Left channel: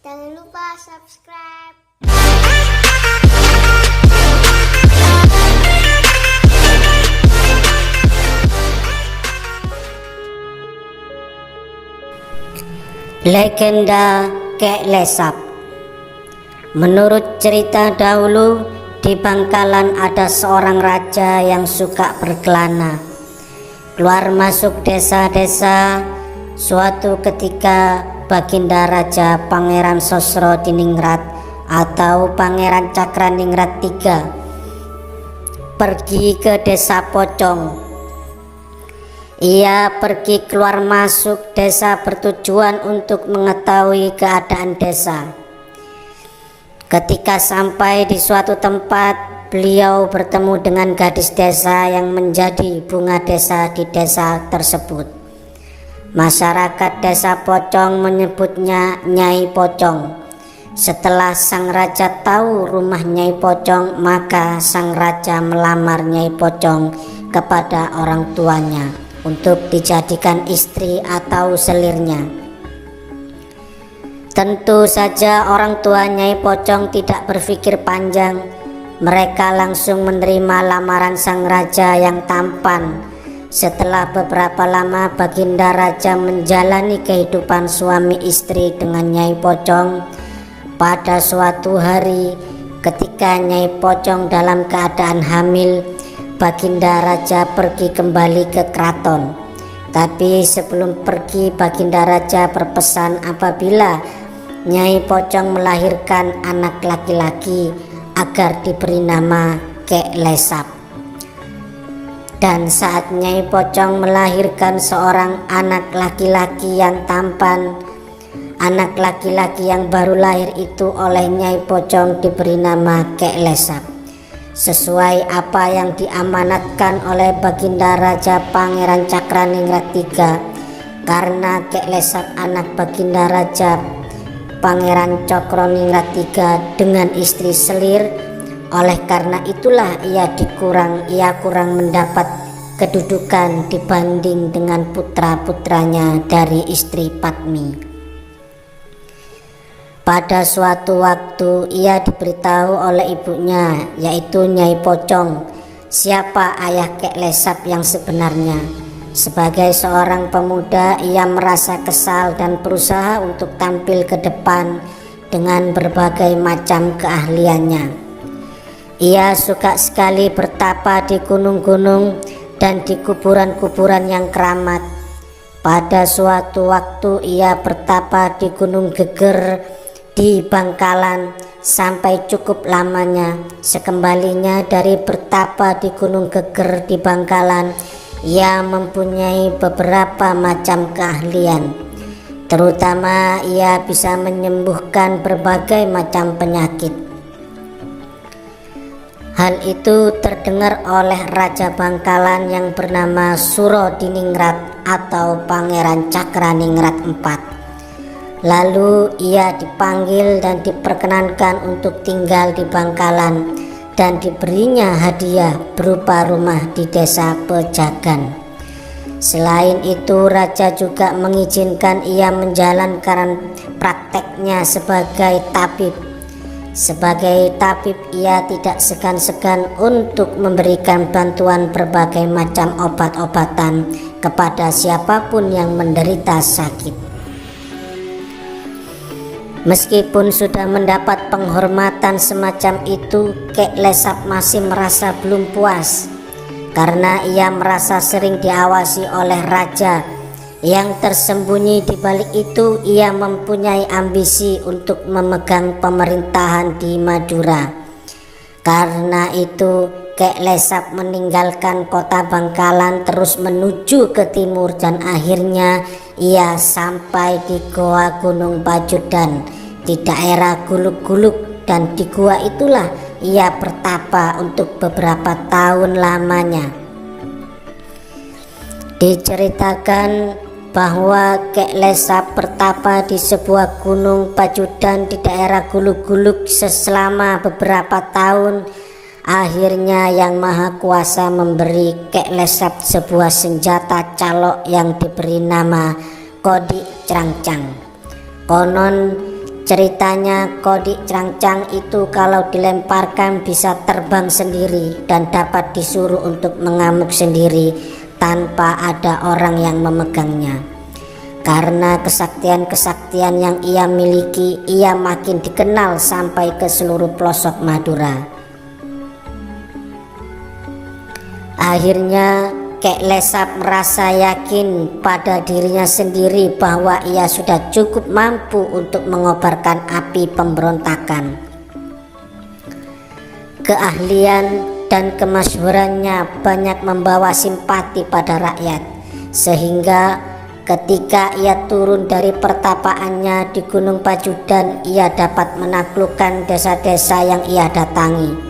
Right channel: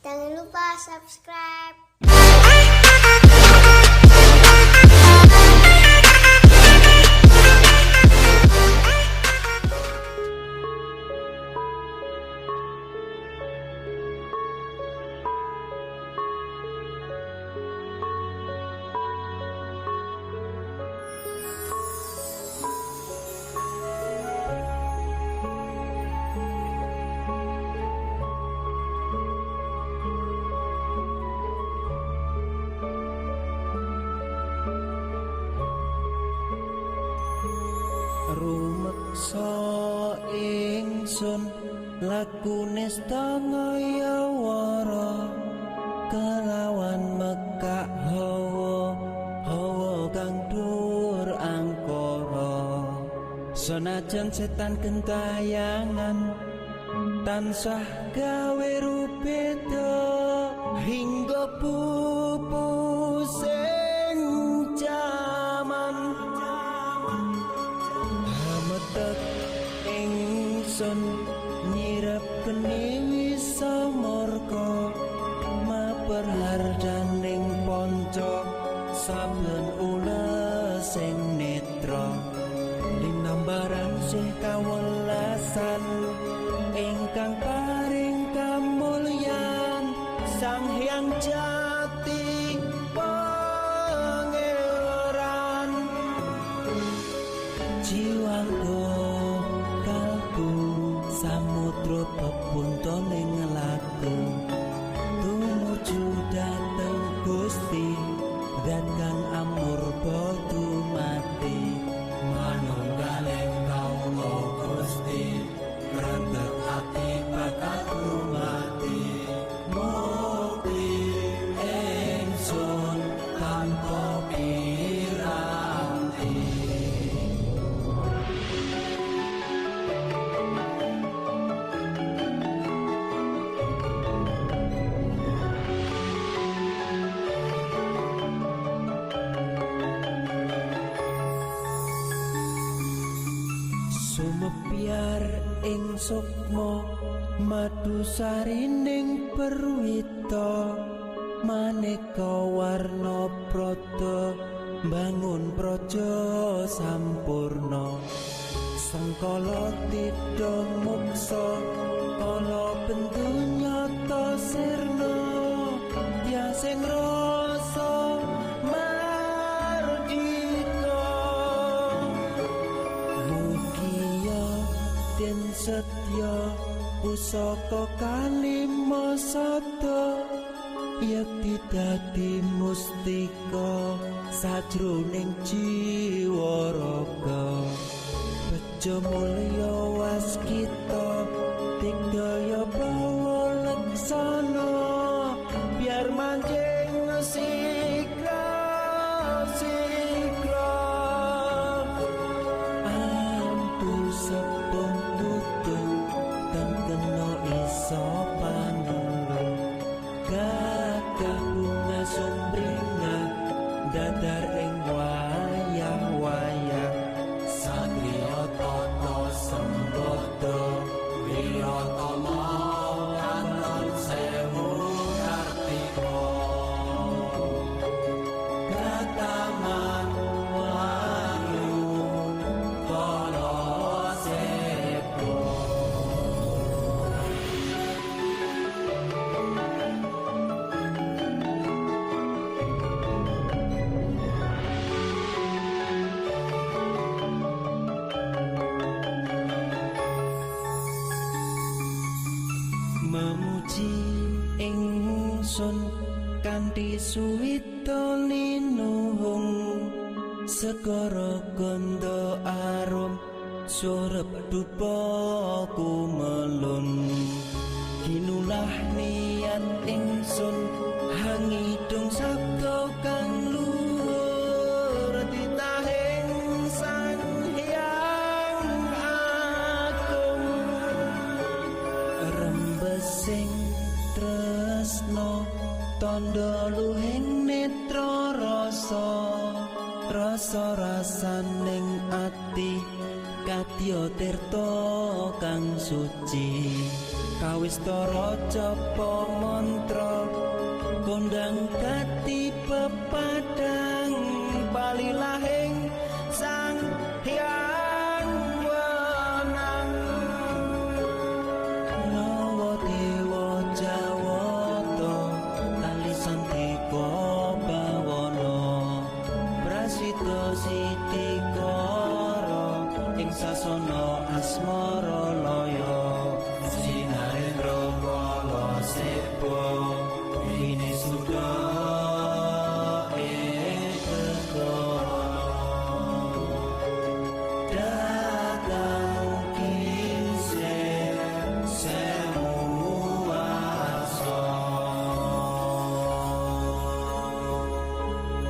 Jangan lupa subscribe. Legenda Kek Lesap. Menurut cerita dahulu, di Bangkalan ada seorang raja yang suka berkelana, keluar masuk desa-desa. Suatu ketika Baginda Raja Pangeran Sosrodiningrat atau Pangeran Cakraningrat III pergi ke desa Pocong. Ia pergi keluar masuk desa bertujuan untuk mengetahui keadaan desa. Ketika sampai di suatu tempat, beliau bertemu dengan gadis desa yang menjadi bunga desa di desa tersebut. Masyarakat desa Pocong menyebutnya Nyai Pocong. Setelah sang raja tahu rumah Nyai Pocong, maka sang raja melamar Nyai Pocong kepada orang tuanya untuk dijadikan istri atau selirnya. Tentu saja orang tua Nyai Pocong tidak berpikir panjang. Mereka langsung menerima lamaran sang raja yang tampan. Setelah beberapa lama Baginda Raja menjalani kehidupan suami istri dengan Nyai Pocong. Pada suatu hari ketika Nyai Pocong dalam keadaan hamil, Baginda Raja pergi kembali ke keraton. Tapi sebelum pergi, Baginda Raja berpesan apabila Nyai Pocong melahirkan anak laki-laki agar diberi nama Kek Lesap. Dan saat Nyai Pocong melahirkan seorang anak laki-laki yang tampan, anak laki-laki yang baru lahir itu oleh Nyai Pocong diberi nama Kek Lesap, sesuai apa yang diamanatkan oleh Baginda Raja Pangeran Cakraningrat III. Karena Kek Lesap anak Baginda Raja Pangeran Cakraningrat III dengan istri selir, oleh karena itulah ia kurang mendapat kedudukan dibanding dengan putra-putranya dari istri Padmi. Pada suatu waktu ia diberitahu oleh ibunya, yaitu Nyai Pocong, siapa ayah Kek Lesap yang sebenarnya. Sebagai seorang pemuda, ia merasa kesal dan berusaha untuk tampil ke depan dengan berbagai macam keahliannya. Ia suka sekali bertapa di gunung-gunung dan di kuburan-kuburan yang keramat. Pada suatu waktu ia bertapa di Gunung Geger di Bangkalan sampai cukup lamanya. Sekembalinya dari bertapa di Gunung Geger di Bangkalan, ia mempunyai beberapa macam keahlian. Terutama ia bisa menyembuhkan berbagai macam penyakit. Hal itu terdengar oleh Raja Bangkalan yang bernama Surodiningrat atau Pangeran Cakraningrat IV. Lalu ia dipanggil dan diperkenankan untuk tinggal di Bangkalan dan diberinya hadiah berupa rumah di desa Pejagan. Selain itu, Raja juga mengizinkan ia menjalankan prakteknya sebagai tabib. Sebagai tabib, ia tidak segan-segan untuk memberikan bantuan berbagai macam obat-obatan kepada siapapun yang menderita sakit. Meskipun sudah mendapat penghormatan semacam itu, Kek Lesap masih merasa belum puas karena ia merasa sering diawasi oleh raja. Yang tersembunyi di balik itu, ia mempunyai ambisi untuk memegang pemerintahan di Madura. Karena itu, Kek Lesap meninggalkan kota Bangkalan terus menuju ke timur dan akhirnya ia sampai di Goa Gunung Pajudan di daerah Gulug-Gulug, dan di gua itulah ia bertapa untuk beberapa tahun lamanya. Diceritakan bahwa Kek Lesap bertapa di sebuah gunung Pajudan di daerah Gulug-Gulug selama beberapa tahun. Akhirnya Yang Maha Kuasa memberi Kek Lesap sebuah senjata calok yang diberi nama Kodik Crangcang. Konon Ceritanya Kodik Cangcang itu kalau dilemparkan bisa terbang sendiri dan dapat disuruh untuk mengamuk sendiri tanpa ada orang yang memegangnya. Karena kesaktian-kesaktian yang ia miliki, ia makin dikenal sampai ke seluruh pelosok Madura. Akhirnya Kek Lesap merasa yakin pada dirinya sendiri bahwa ia sudah cukup mampu untuk mengobarkan api pemberontakan. Keahlian dan kemasyhurannya banyak membawa simpati pada rakyat, sehingga ketika ia turun dari pertapaannya di Gunung Pajudan, ia dapat menaklukkan desa-desa yang ia datangi.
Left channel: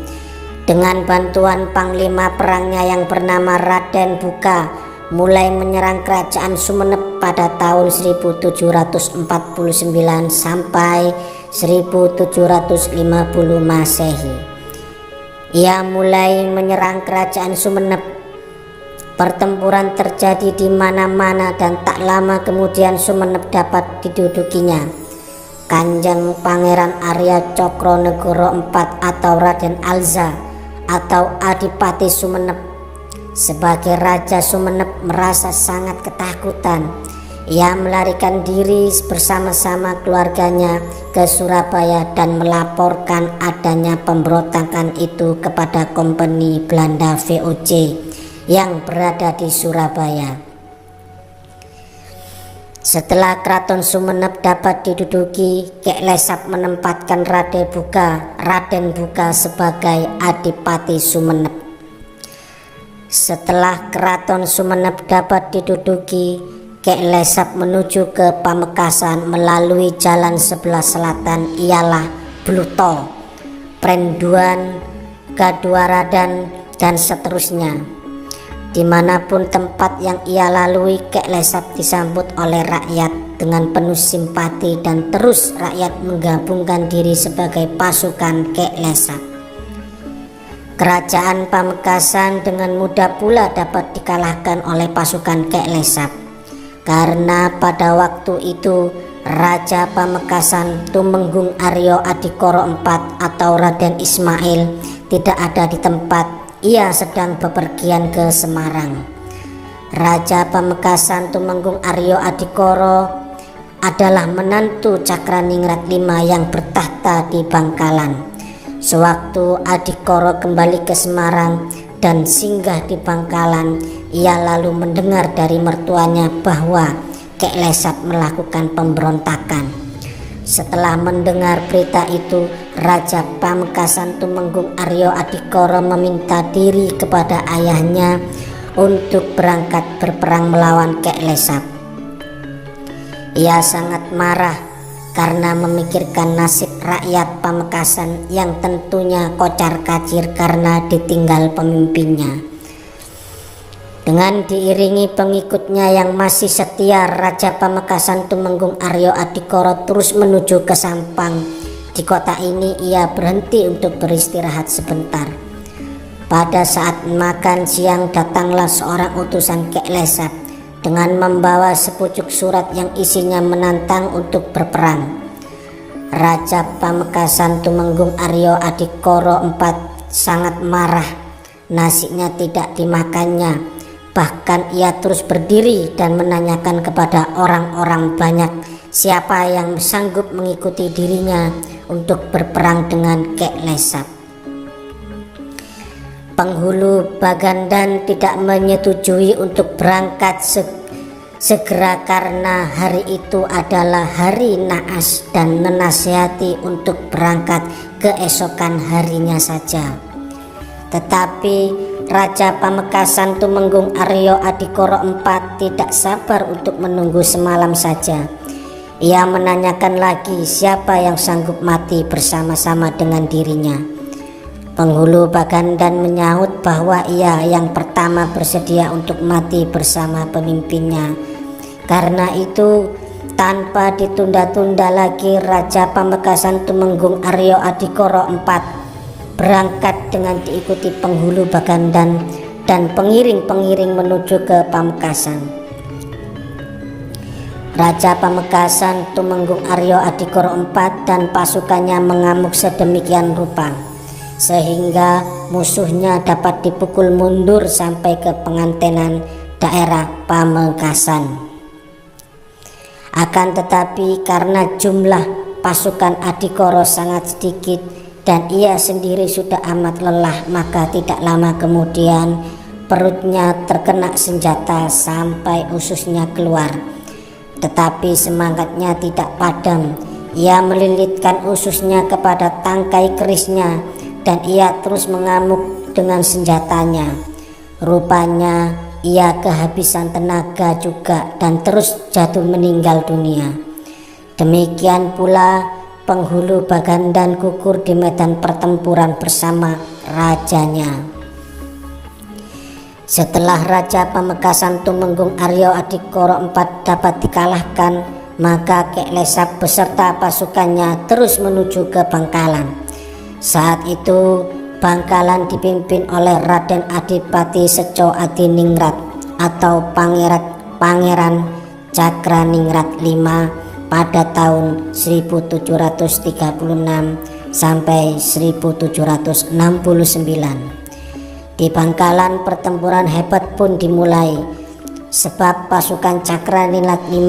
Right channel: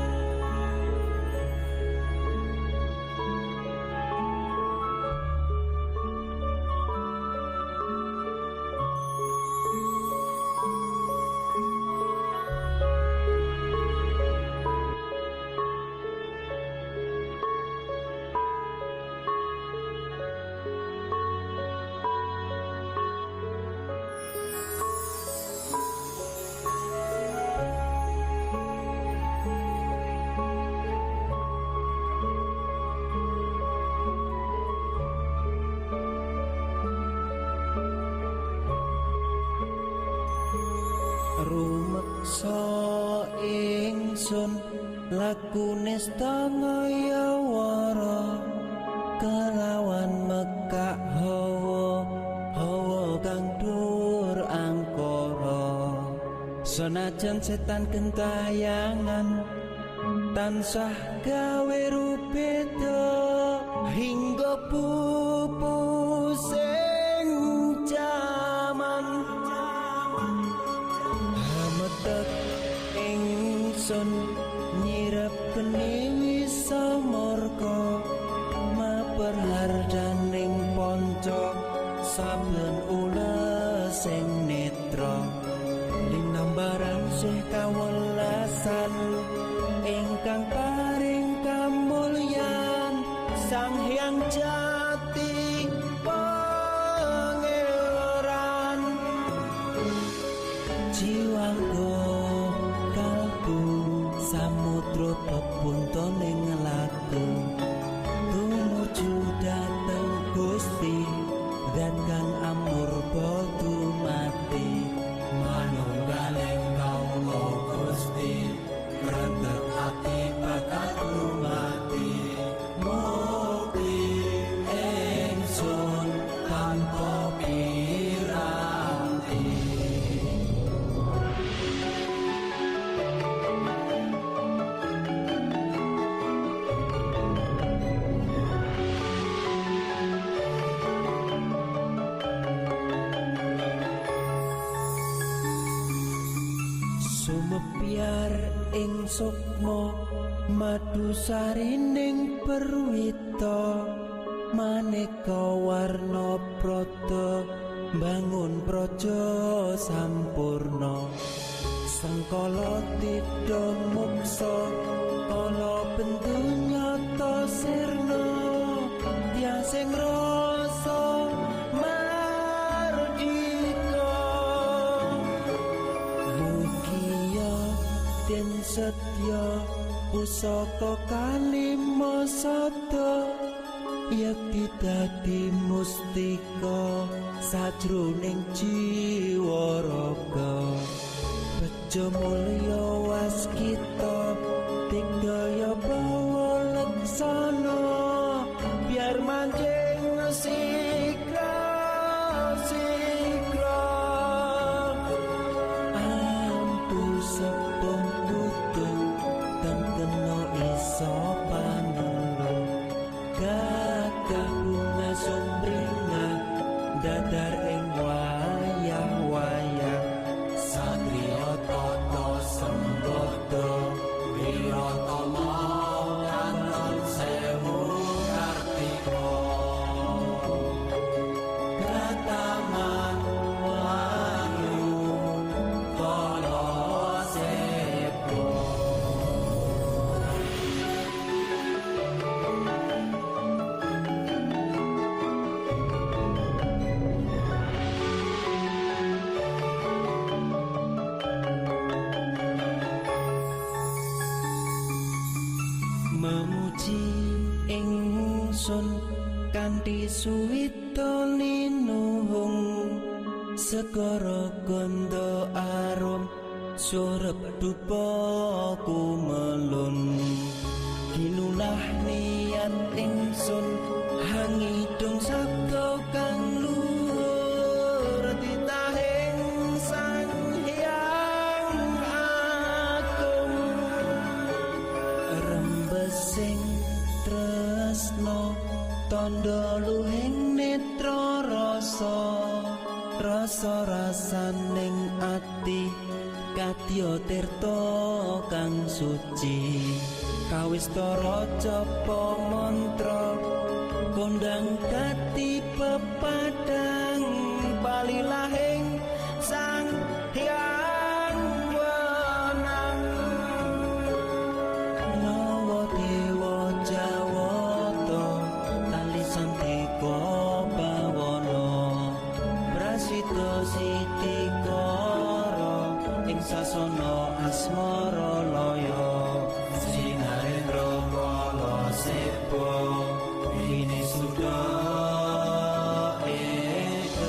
Dengan bantuan panglima perangnya yang bernama Raden Buka, mulai menyerang kerajaan Sumenep pada tahun 1749 sampai 1750 Masehi. Ia mulai menyerang kerajaan Sumenep. Pertempuran terjadi di mana-mana dan tak lama kemudian Sumenep dapat didudukinya. Kanjeng Pangeran Arya Cokronegoro IV atau Raden Alza atau Adipati Sumenep sebagai Raja Sumenep merasa sangat ketakutan. Ia melarikan diri bersama-sama keluarganya ke Surabaya dan melaporkan adanya pemberontakan itu kepada Kompeni Belanda VOC yang berada di Surabaya. Setelah Keraton Sumenep dapat diduduki, Kek Lesap menempatkan Raden Buka sebagai Adipati Sumenep. Setelah Keraton Sumenep dapat diduduki, Kek Lesap menuju ke Pamekasan melalui jalan sebelah selatan ialah Bluto, Prenduan, Gaduaradan, dan seterusnya. Dimanapun tempat yang ia lalui, Kek Lesap disambut oleh rakyat dengan penuh simpati dan terus rakyat menggabungkan diri sebagai pasukan Kek Lesap. Kerajaan Pamekasan dengan mudah pula dapat dikalahkan oleh pasukan Kek Lesap, karena pada waktu itu Raja Pamekasan Tumenggung Aryo Adikoro IV atau Raden Ismail tidak ada di tempat. Ia sedang bepergian ke Semarang. Raja Pamekasan Tumenggung Aryo Adikoro adalah menantu Cakraningrat V yang bertahta di Bangkalan. Sewaktu Adikoro kembali ke Semarang dan singgah di Bangkalan, ia lalu mendengar dari mertuanya bahwa Kek Lesap melakukan pemberontakan. Setelah mendengar berita itu, Raja Pamekasan Tumenggung Aryo Adikoro meminta diri kepada ayahnya untuk berangkat berperang melawan Kek Lesap. Ia sangat marah karena memikirkan nasib rakyat Pamekasan yang tentunya kocar-kacir karena ditinggal pemimpinnya. Dengan diiringi pengikutnya yang masih setia, Raja Pamekasan Tumenggung Aryo Adikoro terus menuju ke Sampang. Di kota ini ia berhenti untuk beristirahat sebentar. Pada saat makan siang datanglah seorang utusan Kek Lesap dengan membawa sepucuk surat yang isinya menantang untuk berperang. Raja Pamekasan Tumenggung Aryo Adikoro IV sangat marah. Nasinya tidak dimakannya. Bahkan ia terus berdiri dan menanyakan kepada orang-orang banyak siapa yang sanggup mengikuti dirinya untuk berperang dengan Kek Lesap. Penghulu Bagandan tidak menyetujui untuk berangkat segera karena hari itu adalah hari naas dan menasihati untuk berangkat keesokan harinya saja. Tetapi Raja Pamekasan Tumenggung Aryo Adikoro IV tidak sabar untuk menunggu semalam saja. Ia menanyakan lagi siapa yang sanggup mati bersama-sama dengan dirinya. Penghulu Bagandan menyahut bahwa ia yang pertama bersedia untuk mati bersama pemimpinnya. Karena itu, tanpa ditunda-tunda lagi, Raja Pamekasan Tumenggung Aryo Adikoro IV berangkat dengan diikuti penghulu Bagandan dan pengiring-pengiring menuju ke Pamekasan. Raja Pamekasan Tumenggung Aryo Adikoro IV dan pasukannya mengamuk sedemikian rupa sehingga musuhnya dapat dipukul mundur sampai ke pengantenan daerah Pamekasan. Akan tetapi karena jumlah pasukan Adikoro sangat sedikit dan ia sendiri sudah amat lelah, maka tidak lama kemudian perutnya terkena senjata sampai ususnya keluar. Tetapi semangatnya tidak padam. Ia melilitkan ususnya kepada tangkai kerisnya dan ia terus mengamuk dengan senjatanya. Rupanya ia kehabisan tenaga juga dan terus jatuh meninggal dunia. Demikian pula penghulu Bagandan gugur di medan pertempuran bersama rajanya. Setelah Raja Pamekasan Tumenggung Aryo Adikoro IV dapat dikalahkan, maka Kek Lesap beserta pasukannya terus menuju ke Bangkalan. Saat itu Bangkalan dipimpin oleh Raden Adipati Seco Adiningrat atau Pangeran Cakraningrat V pada tahun 1736 sampai 1769. Di Bangkalan pertempuran hebat pun dimulai, sebab pasukan Cakraningrat V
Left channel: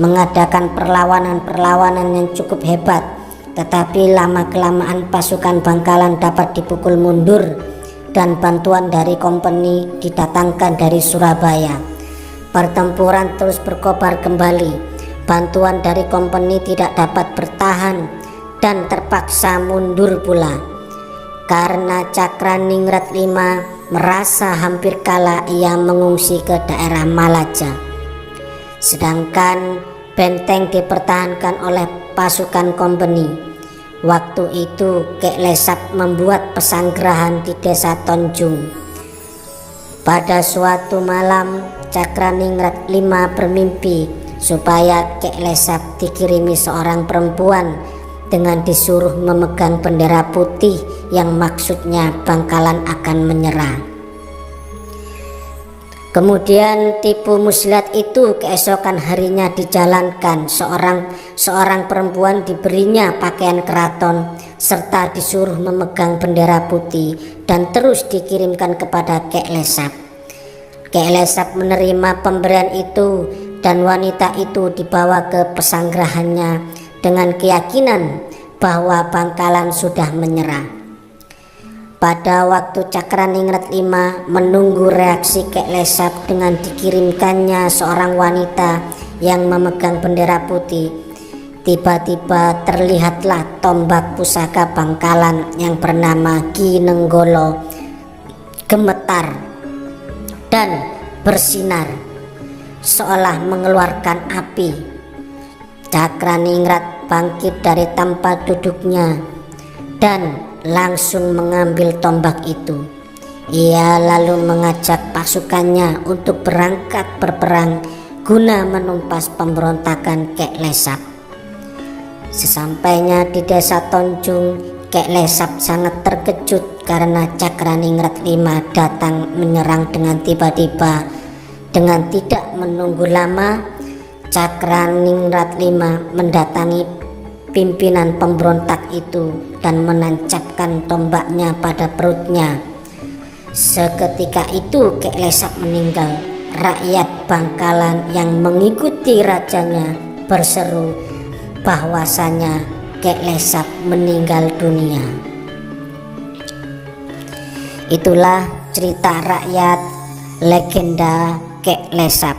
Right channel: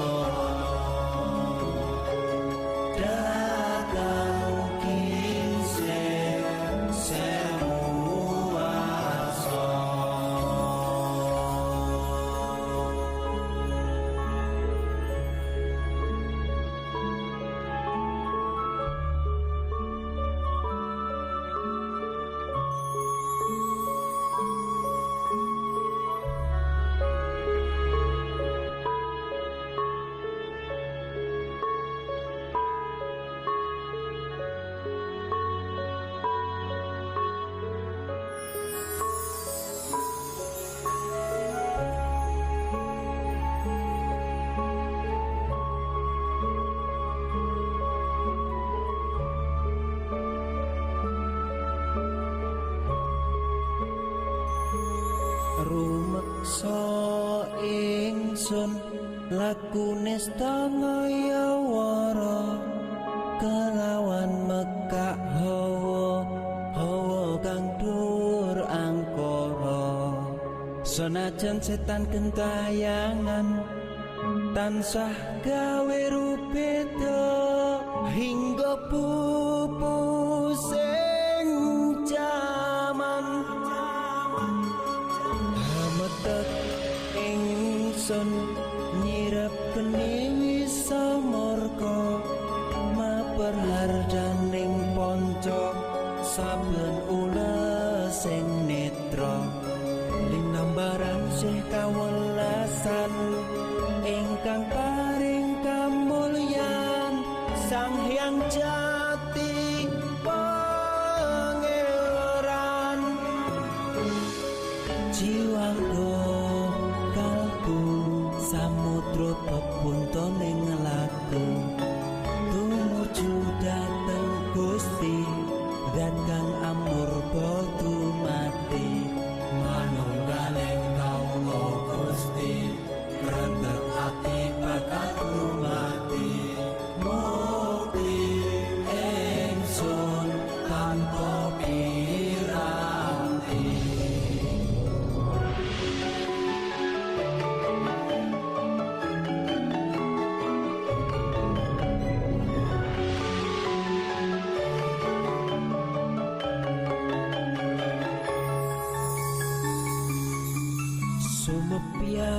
mengadakan perlawanan yang cukup hebat. Tetapi lama-kelamaan pasukan Bangkalan dapat dipukul mundur dan bantuan dari kompeni didatangkan dari Surabaya. Pertempuran terus berkobar kembali. Bantuan dari kompeni tidak dapat bertahan dan terpaksa mundur pula. Karena Cakraningrat V merasa hampir kalah, ia mengungsi ke daerah Malaja. Sedangkan benteng dipertahankan oleh pasukan kompeni. Waktu itu Kek Lesap membuat pesanggerahan di desa Tonjung. Pada suatu malam Cakraningrat V bermimpi supaya Kek Lesap dikirimi seorang perempuan dengan disuruh memegang bendera putih yang maksudnya Bangkalan akan menyerah. Kemudian tipu muslihat itu keesokan harinya dijalankan. Seorang perempuan diberinya pakaian keraton serta disuruh memegang bendera putih dan terus dikirimkan kepada Kek Lesap. Kek Lesap menerima pemberian itu dan wanita itu dibawa ke pesanggerahannya dengan keyakinan bahwa Bangkalan sudah menyerah. Pada waktu Cakraningrat V menunggu reaksi Kek Lesap dengan dikirimkannya seorang wanita yang memegang bendera putih, tiba-tiba terlihatlah tombak pusaka Bangkalan yang bernama Ki Nenggolo gemetar dan bersinar seolah mengeluarkan api. Cakraningrat bangkit dari tempat duduknya dan langsung mengambil tombak itu. Ia lalu mengajak pasukannya untuk berangkat berperang guna menumpas pemberontakan Kek Lesap. Sesampainya di desa Tonjung, Kek Lesap sangat terkejut karena Cakraningrat V datang menyerang dengan tiba-tiba. Dengan tidak menunggu lama, Cakraningrat V mendatangi pimpinan pemberontak itu dan menancapkan tombaknya pada perutnya. Seketika itu Kek Lesap meninggal. Rakyat Bangkalan yang mengikuti rajanya berseru bahwasanya Kek Lesap meninggal dunia. Itulah cerita rakyat legenda Kek Lesap.